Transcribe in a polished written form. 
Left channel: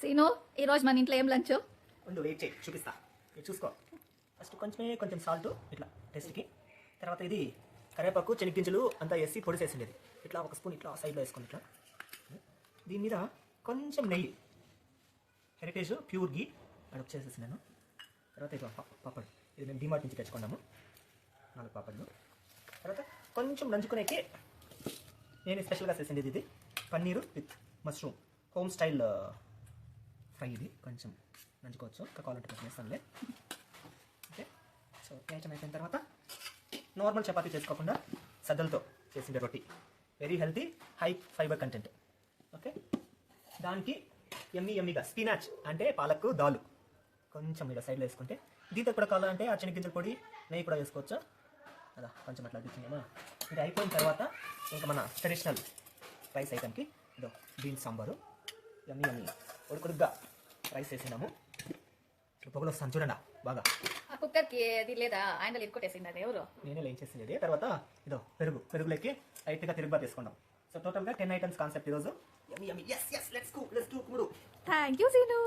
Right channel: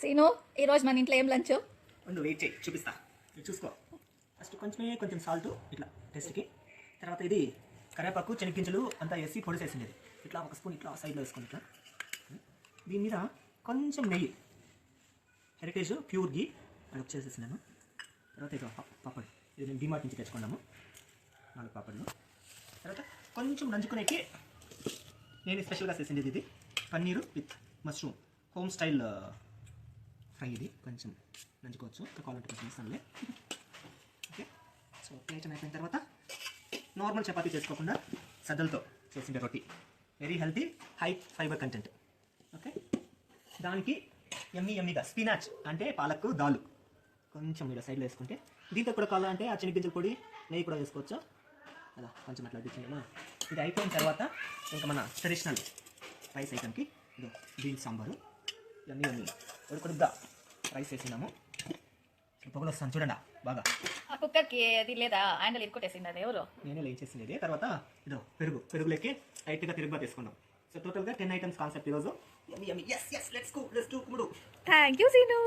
Scene ఈరోజు మన ఇంట్లో ఏం లంచ్? ఉండు వెయిట్ చేయి చూపిస్తా. ఇది చూసుకో. ఫస్ట్ కొంచెం సాల్ట్ ఇట్లా టేస్ట్కి. తర్వాత ఇది కరివేపాకు శనగింజలు అంతా వేసి పొడి చేసిండేది. ఇట్లా ఒక స్పూన్ ఇట్లా సైడ్లో వేసుకుని ఇట్లా. దీని మీద కొంచెం నెయ్యి, హెరిటేజ్ ప్యూర్ గీ అది వచ్చేసేసినాను. తర్వాత ఇది పాపడ్, ఇది నేను డిమార్ట్ నుంచి తెచ్చుకున్నాను 4 పాపడ్లు. తర్వాత కొంచెం నంచుకునేకి నేను స్పెషల్గా చేసిండేది ఇది paneer with mushroom home style fry. ఇది కొంచెం నంచుకోవచ్చు, కావాలంటే కొంచెం వేస్తానులే. ఓకే, సో ఐటమ్ అయిపోయిన తర్వాత నార్మల్ చపాతీ చేసుకోకుండా సద్దలతో చేసిండే రొట్టి, very healthy, high fibre content. Okay, దానికి ఎమ్మీగా స్పినాచ్ అంటే పాలక్ దాలు కొంచెం ఇలా సైడ్లో వేసుకుంటే, దీంతో కూడా కావాలంటే ఆ శనగింజల పొడి నెయ్యి కూడా వేసుకోవచ్చు. అలా కొంచెం అట్లా అడ్డించేమా. ఇది అయిపోయిన తర్వాత ఇంకా మన ట్రెడిషనల్ రైస్ ఐటమ్కి ఇదో బీన్స్ సాంబారు ఇవన్నీ ఉడుకుడుగ్గా రైస్ వేసినాము. పొగలు వస్తాను చూడండి బాగా. ఆ కుక్కర్కి అది లేదా హ్యాండిల్ ఇరుకొట్టేసింది, అది ఎవరు? నేనే లేం చేసింది. తర్వాత ఇదో పెరుగులోకి లైట్గా తిరుగుగా తీసుకున్నాం. సో టోటల్గా 10 ఐటమ్స్ కాన్సెప్ట్ ఈరోజు. Yummy. Yes, let's go. Let's do. Thank you scene.